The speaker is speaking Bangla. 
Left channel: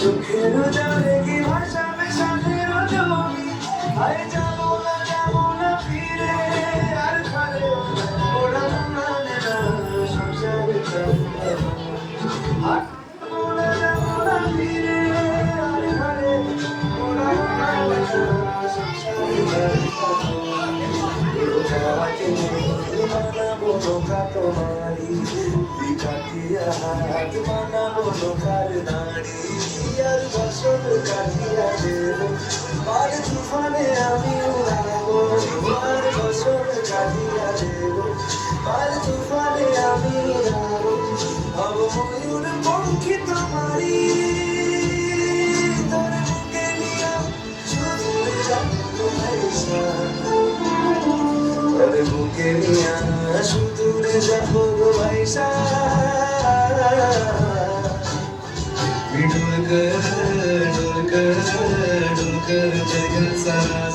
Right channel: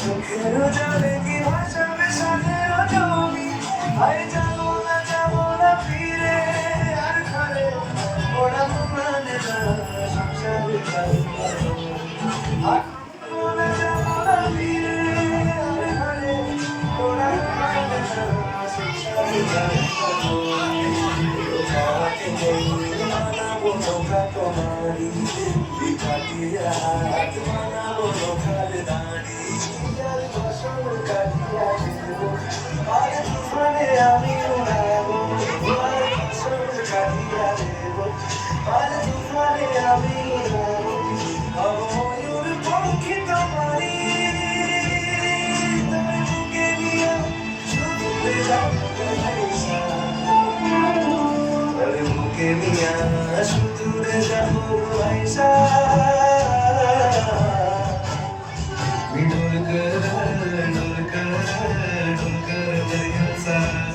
চোখের জলে কি ভাসাবে সাথেও জমি আরে যাবো না ফিরে আর ঘরে ওরা মানে না সংসারে যাবো না ফিরে আর ঘরে ওরা মানে না সংসারে যাবো মানাবো ধোকা তোমারি বিপাকিয়া হাত মানাবো ধোকার নারী আর বছর কাটিয়া দেব আর জীবনে আমি উড়াবো আর বছর কাটিয়া দেব আর জীবনে আমি উড়াবো হব ময়ূর পঙ্খী তোমারি তোর বুকে নিয়ে শুধু যাবো ভাইসা তোর বুকে নিয়ে শুধু যাবো ভাইসা डुलकर डुलकर डुलकर जगन सा